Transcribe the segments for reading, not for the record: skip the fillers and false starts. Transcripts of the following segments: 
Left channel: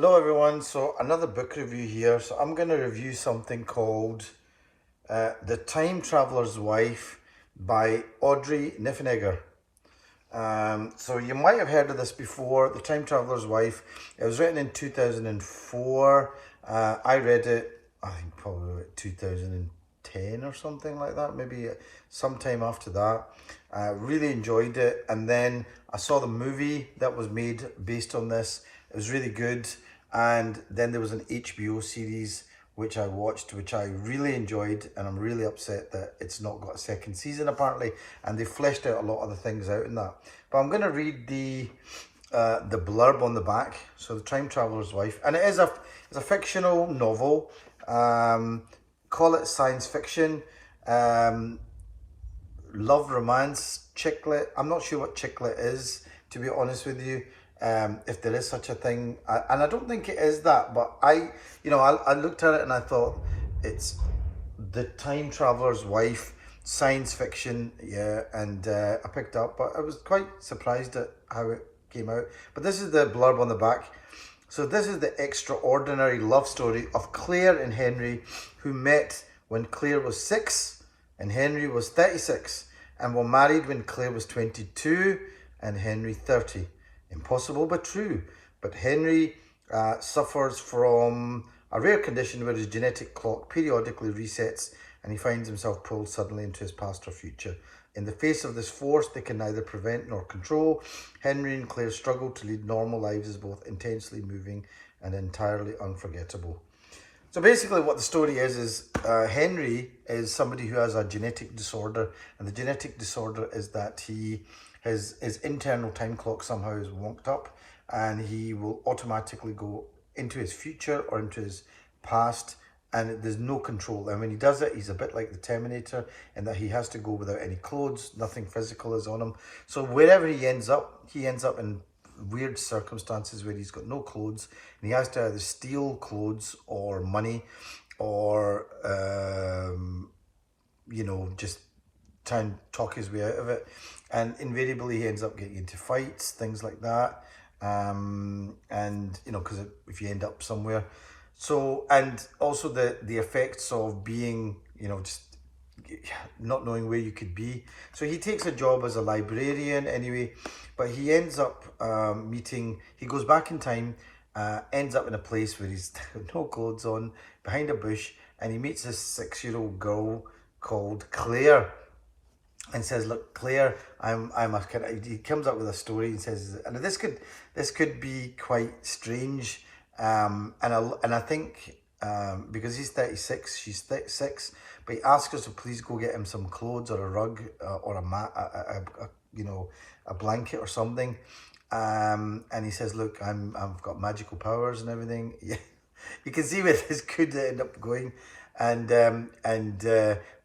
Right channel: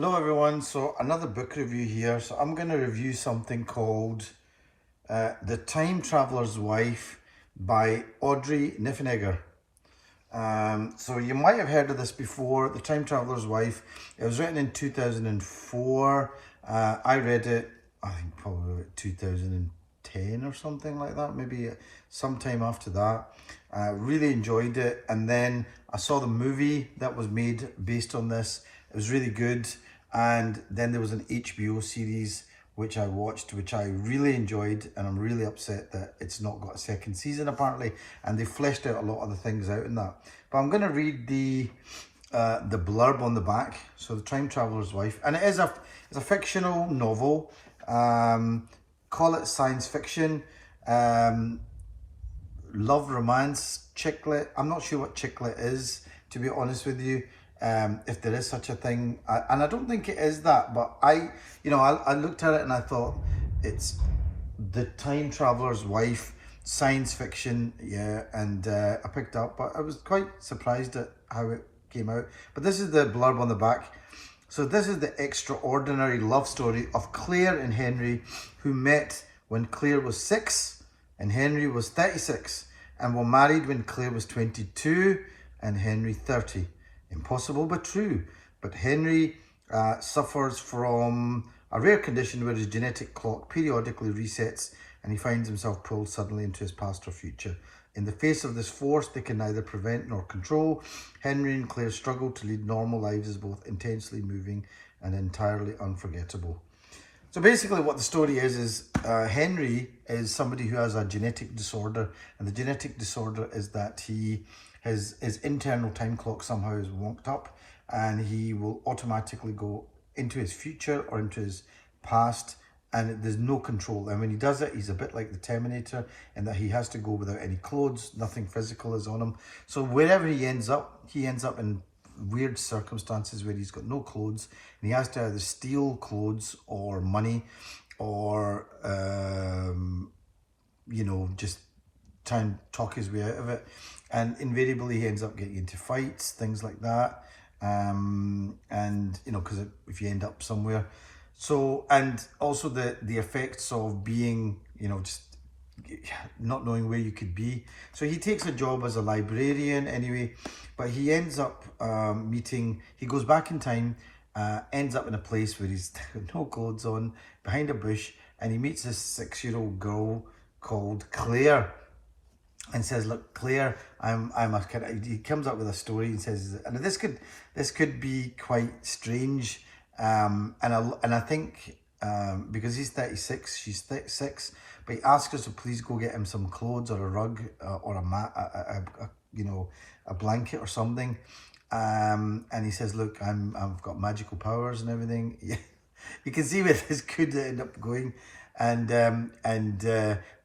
Hello everyone, so another book review here. So I'm going to review something called The Time Traveler's Wife by Audrey Niffenegger. So you might have heard of this before, The Time Traveler's Wife. It was written in 2004. I read it, I think probably like 2010 or something like that, maybe sometime after that. Really enjoyed it, and then I saw the movie that was made based on this. It was really good, and then there was an HBO series which I watched, which I really enjoyed, and I'm really upset that it's not got a second season apparently, and they fleshed out a lot of the things out in that. But I'm going to read the blurb on the back. So The Time Traveler's Wife, and it's a fictional novel. Call it science fiction. Love romance chicklet. I'm not sure what chicklet is, to be honest with you, if there is such a thing, and I don't think it is that, but I looked at it and I thought it's The Time Traveler's Wife, science fiction, yeah, and I picked up, but I was quite surprised at how it came out. But this is the blurb on the back. So this is the extraordinary love story of Claire and Henry, who met when Claire was 6 and Henry was 36, and were married when Claire was 22 and Henry 30. Impossible but true. But Henry suffers from a rare condition where his genetic clock periodically resets, and he finds himself pulled suddenly into his past or future. In the face of this force they can neither prevent nor control, Henry and Claire struggle to lead normal lives as both intensely moving and entirely unforgettable. So basically what the story is Henry is somebody who has a genetic disorder, and the genetic disorder is that his internal time clock somehow is wonked up, and he will automatically go into his future or into his past, and there's no control. And when he does it, he's a bit like the Terminator in that he has to go without any clothes, nothing physical is on him. So wherever he ends up in weird circumstances where he's got no clothes, and he has to either steal clothes or money, or just try and talk his way out of it. And invariably he ends up getting into fights, things like that, and because if you end up somewhere. So, and also the effects of being, just not knowing where you could be. So he takes a job as a librarian anyway, but he ends up he goes back in time, ends up in a place where he's no clothes on, behind a bush, and he meets this 6-year-old girl called Claire, and says, "Look, Claire, I'm a kind of." He comes up with a story and says, and this could be quite strange, and I think because he's 36, she's 36, but he asks us to please go get him some clothes or a rug or a mat, a blanket or something, and he says, "Look, I've got magical powers and everything." Yeah, you can see where this could end up going,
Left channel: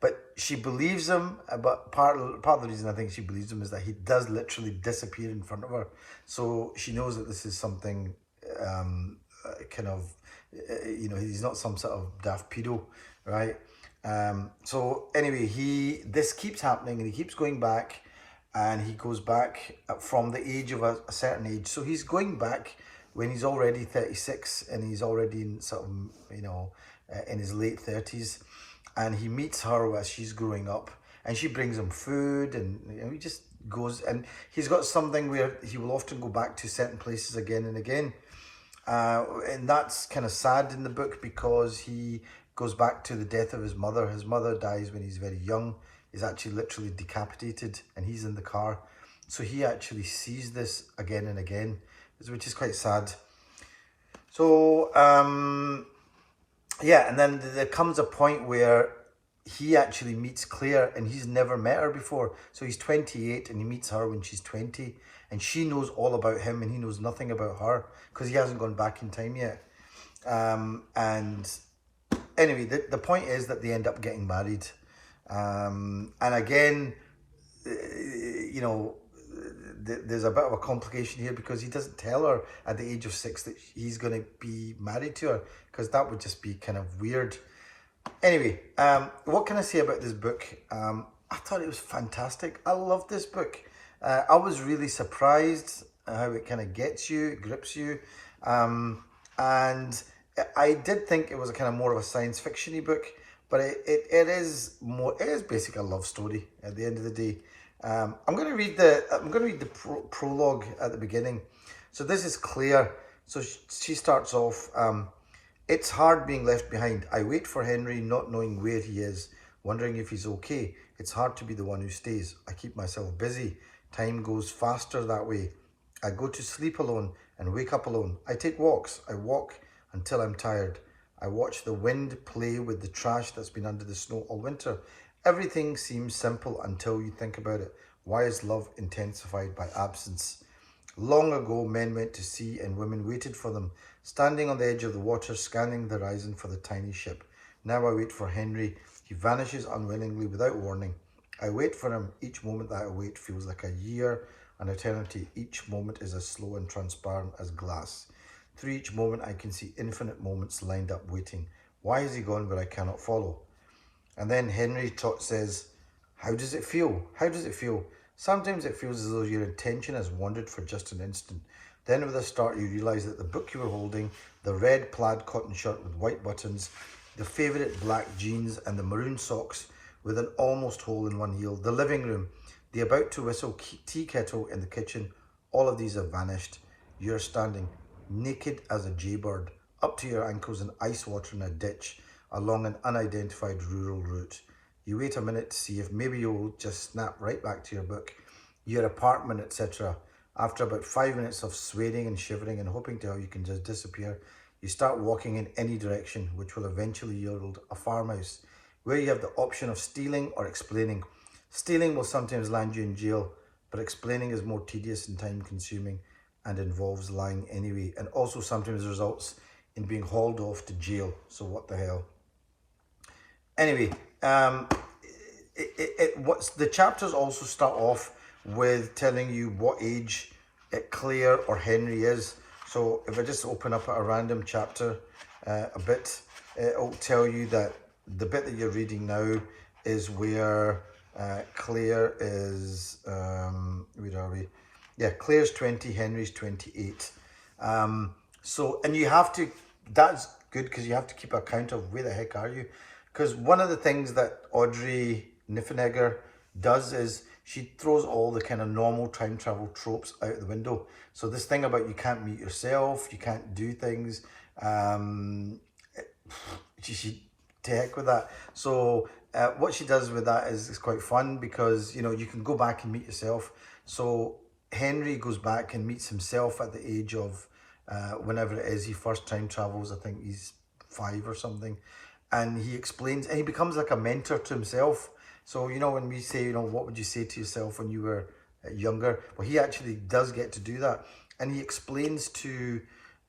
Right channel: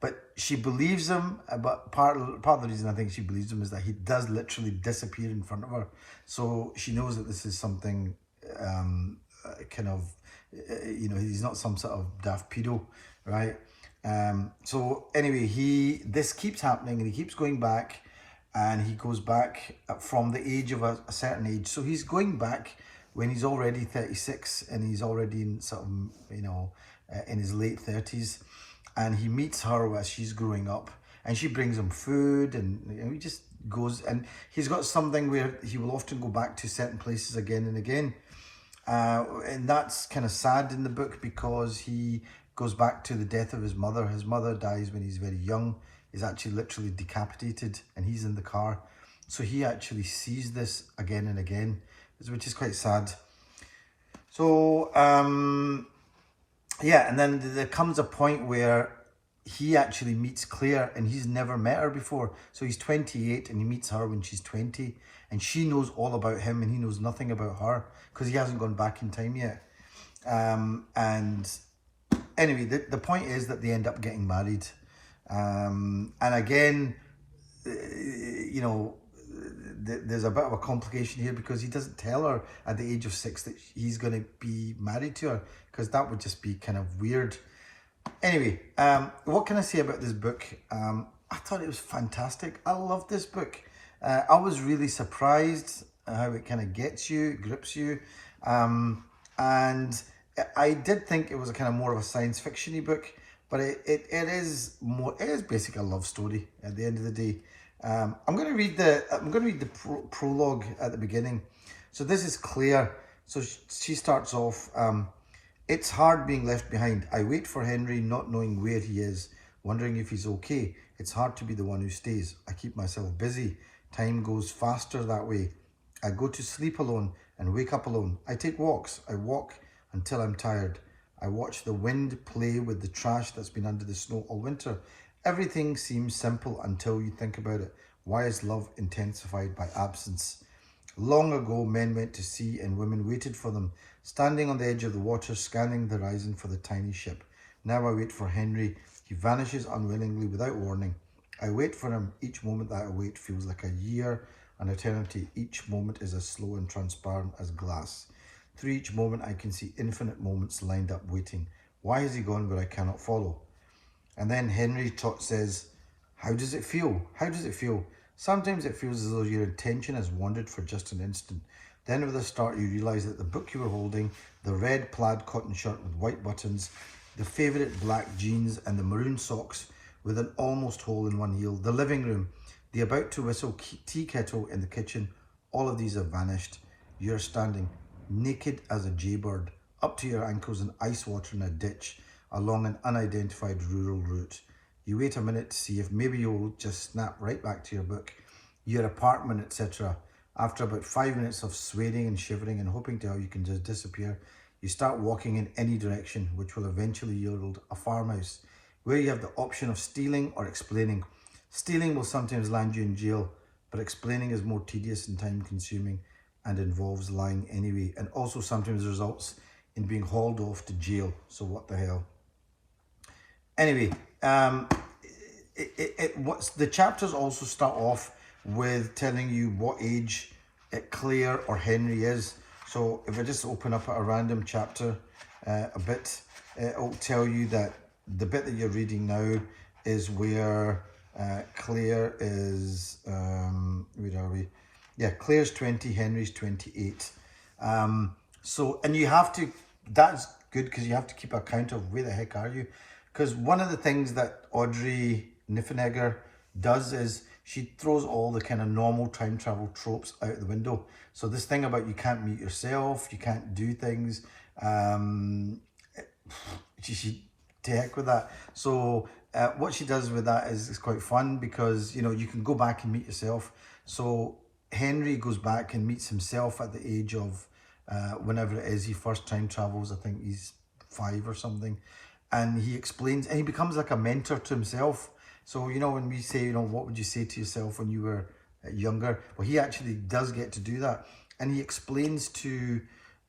but she believes him. But part of the reason I think she believes him is that he does literally disappear in front of her, so she knows that this is something he's not some sort of daft pedo, right? So anyway, this keeps happening, and he keeps going back, and he goes back from the age of a certain age. So he's going back when he's already 36, and he's already in sort of, in his late 30s, and he meets her as she's growing up, and she brings him food, and he just goes, and he's got something where he will often go back to certain places again and again. And that's kind of sad in the book, because he goes back to the death of his mother. His mother dies when he's very young. He's actually literally decapitated, and he's in the car. So he actually sees this again and again, which is quite sad. So, yeah, and then there comes a point where he actually meets Claire, and he's never met her before. So he's 28, and he meets her when she's 20, and she knows all about him, and he knows nothing about her because he hasn't gone back in time yet. And anyway, the point is that they end up getting married. And again, there's a bit of a complication here, because he doesn't tell her at the age of 6 that he's going to be married to her, because that would just be kind of weird. Anyway, what can I say about this book? I thought it was fantastic. I loved this book. I was really surprised how it kind of gets you, grips you. And I did think it was a kind of more of a science fiction-y book, but it is more, it is basically a love story at the end of the day. I'm going to read the prologue at the beginning. So this is Claire. So she starts off, it's hard being left behind. I wait for Henry, not knowing where he is, wondering if he's okay. It's hard to be the one who stays. I keep myself busy. Time goes faster that way. I go to sleep alone and wake up alone. I take walks. I walk until I'm tired. I watch the wind play with the trash that's been under the snow all winter. Everything seems simple until you think about it. Why is love intensified by absence? Long ago, men went to sea and women waited for them, standing on the edge of the water, scanning the horizon for the tiny ship. Now I wait for Henry. He vanishes unwillingly without warning. I wait for him. Each moment that I wait feels like a year, an eternity. Each moment is as slow and transparent as glass. Through each moment I can see infinite moments lined up waiting. Why is he gone where I cannot follow? And then Henry Trott says, how does it feel? How does it feel? Sometimes it feels as though your attention has wandered for just an instant. Then with a start you realise that the book you were holding, the red plaid cotton shirt with white buttons, the favourite black jeans and the maroon socks with an almost hole in one heel, the living room, the about to whistle tea kettle in the kitchen, all of these have vanished. You're standing naked as a jaybird, up to your ankles in ice water in a ditch, along an unidentified rural route. You wait a minute to see if maybe you'll just snap right back to your book, your apartment, etc. After about 5 minutes of sweating and shivering and hoping to how you can just disappear, you start walking in any direction, which will eventually yield a farmhouse, where you have the option of stealing or explaining. Stealing will sometimes land you in jail, but explaining is more tedious and time consuming and involves lying anyway, and also sometimes results in being hauled off to jail. So what the hell? Anyway, what's the chapters also start off with telling you what age Claire or Henry is. So if I just open up a random chapter a bit, it'll tell you that the bit that you're reading now is where Claire is, where are we? Yeah, Claire's 20, Henry's 28. So, and you have to, that's good because you have to keep account of where the heck are you? Because one of the things that Audrey Niffenegger does is she throws all the kind of normal time travel tropes out the window. So this thing about you can't meet yourself, you can't do things, she to heck with that. So what she does with that is quite fun because, you know, you can go back and meet yourself. So Henry goes back and meets himself at the age of whenever it is he first time travels. I think he's 5 or something. And he explains, and he becomes like a mentor to himself. So, you know, when we say, you know, what would you say to yourself when you were younger? Well, he actually does get to do that. And he explains to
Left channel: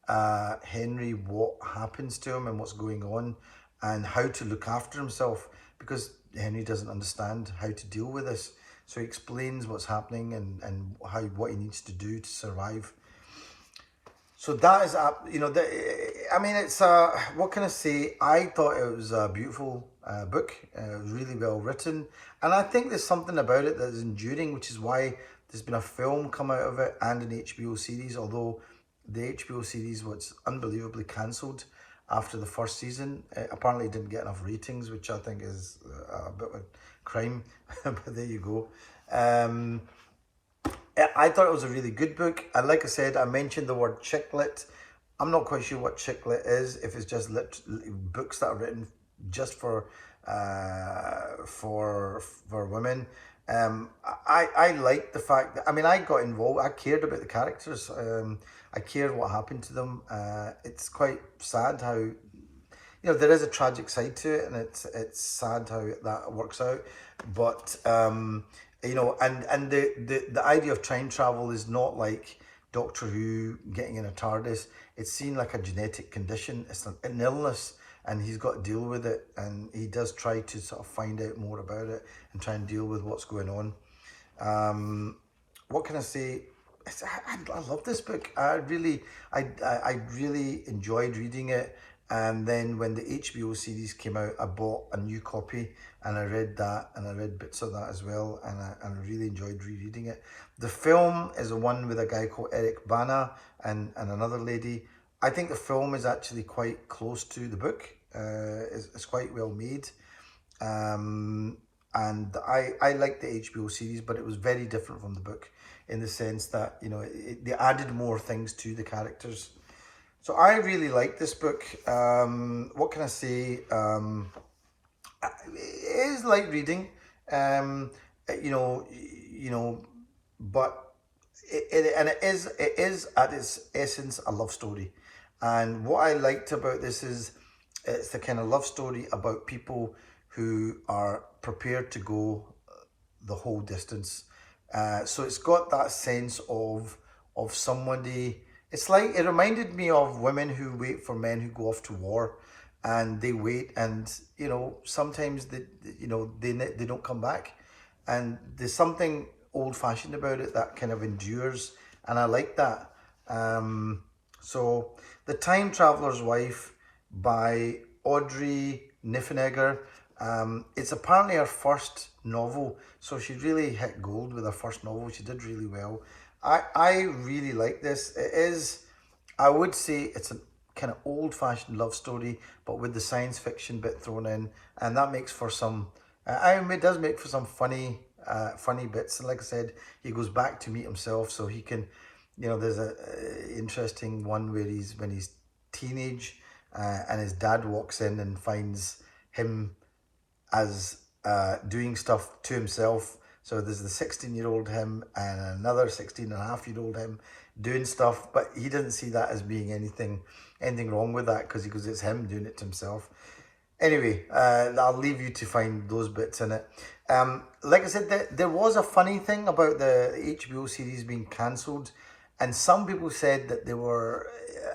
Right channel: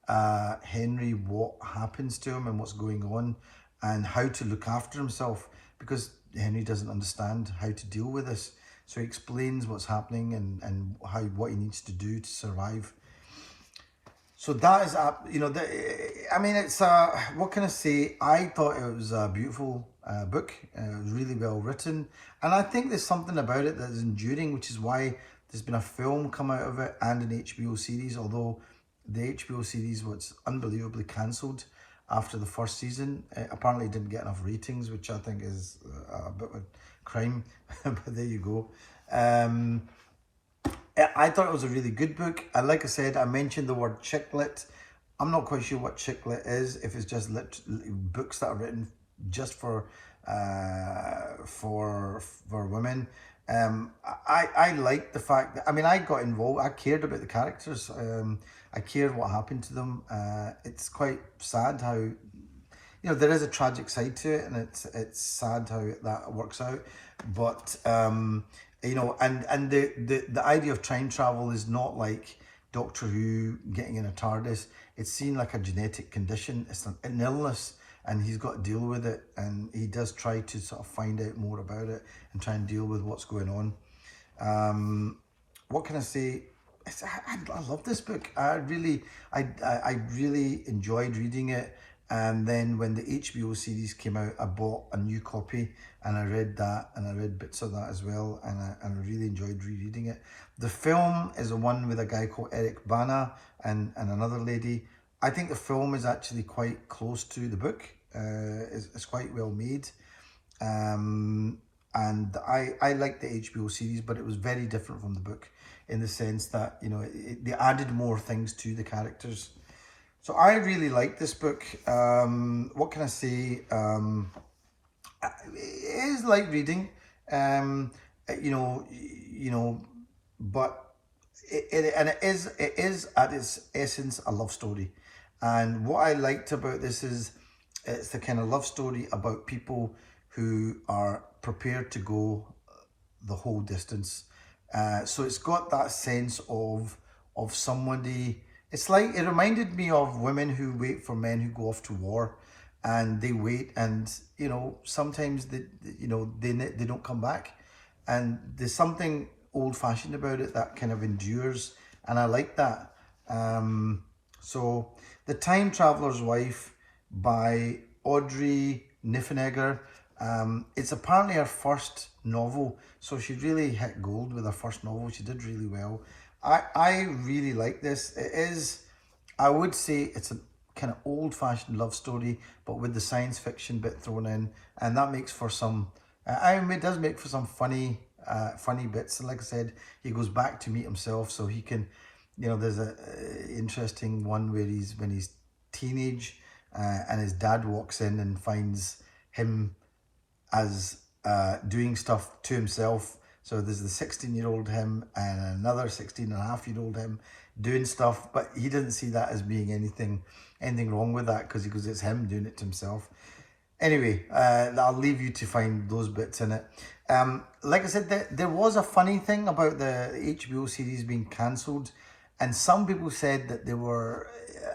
Henry what happens to him and what's going on and how to look after himself, because Henry doesn't understand how to deal with this. So he explains what's happening and what he needs to do to survive. So that is, you know, I mean, it's, what can I say? I thought it was a beautiful book, really well written. And I think there's something about it that is enduring, which is why there's been a film come out of it and an HBO series, although the HBO series was unbelievably cancelled after the first season. It apparently didn't get enough ratings, which I think is a bit of a crime, but there you go. I thought it was a really good book. And like I said, I mentioned the word chick lit. I'm not quite sure what chick lit is, if it's just books that are written just for women. I like the fact that, I mean, I got involved. I cared about the characters. I cared what happened to them. It's quite sad how, you know, there is a tragic side to it, and it's sad how that works out. But you know, and the idea of time travel is not like Doctor Who getting in a TARDIS. It's seen like a genetic condition. It's an illness, and he's got to deal with it. And he does try to sort of find out more about it and try and deal with what's going on. What can I say? I love this book. I really enjoyed reading it. And then when the HBO series came out, I bought a new copy and I read that, and I read bits of that as well, and I really enjoyed rereading it. The film is the one with a guy called Eric Bana and another lady. I think the film is actually quite close to the book. It's quite well made. And I liked the HBO series, but it was very different from the book in the sense that, you know, they added more things to the characters. So I really like this book. What can I say? It is light reading, you know, but it is at its essence a love story. And what I liked about this is it's the kind of love story about people who are prepared to go the whole distance. So it's got that sense of somebody. It's like it reminded me of women who wait for men who go off to war, and they wait, and you know sometimes they don't come back, and there's something old fashioned about it that kind of endures, and I like that. So The Time Traveler's Wife by Audrey Niffenegger. It's apparently her first novel, so she really hit gold with her first novel. She did really well. I really like this. It is, I would say it's a kind of old-fashioned love story, but with the science fiction bit thrown in, and that makes for some, it does make for some funny bits. And like I said, he goes back to meet himself, so he can, you know, there's a interesting one where when he's teenage, and his dad walks in and finds him as doing stuff to himself. So there's the 16-year-old him and another 16-and-a-half-year-old him doing stuff, but he doesn't see that as being anything wrong with that, because he goes, it's him doing it to himself. Anyway, I'll leave you to find those bits in it. Like I said, there was a funny thing about the HBO series being cancelled, and some people said that there were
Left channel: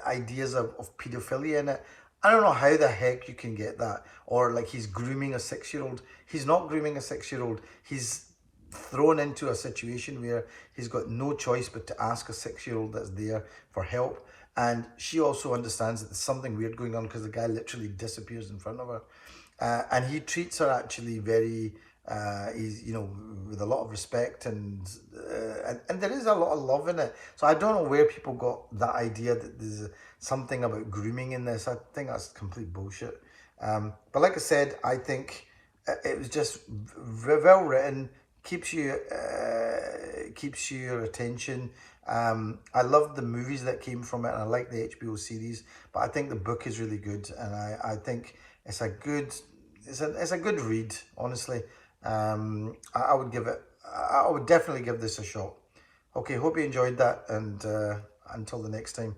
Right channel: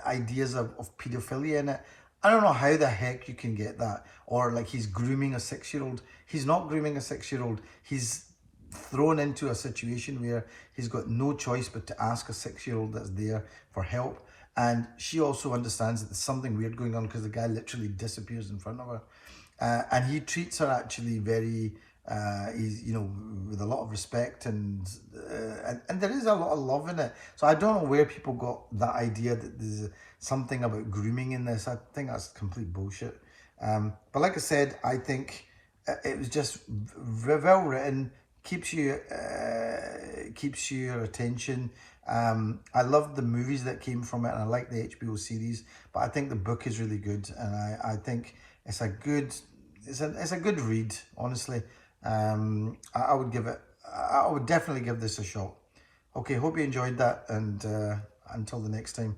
ideas of paedophilia in it. I don't know how the heck you can get that, or like he's grooming a 6-year-old. He's not grooming a 6-year-old. He's thrown into a situation where he's got no choice but to ask a 6-year-old that's there for help. And she also understands that there's something weird going on, because the guy literally disappears in front of her. And he treats her actually very, he's, you know, with a lot of respect, and there is a lot of love in it. So I don't know where people got that idea that there's something about grooming in this. I think that's complete bullshit. But like I said, I think it was just well written, keeps your attention. I loved the movies that came from it, and I like the HBO series, but I think the book is really good, and I think it's a good read, honestly. I would definitely give this a shot. Okay, hope you enjoyed that, and until the next time.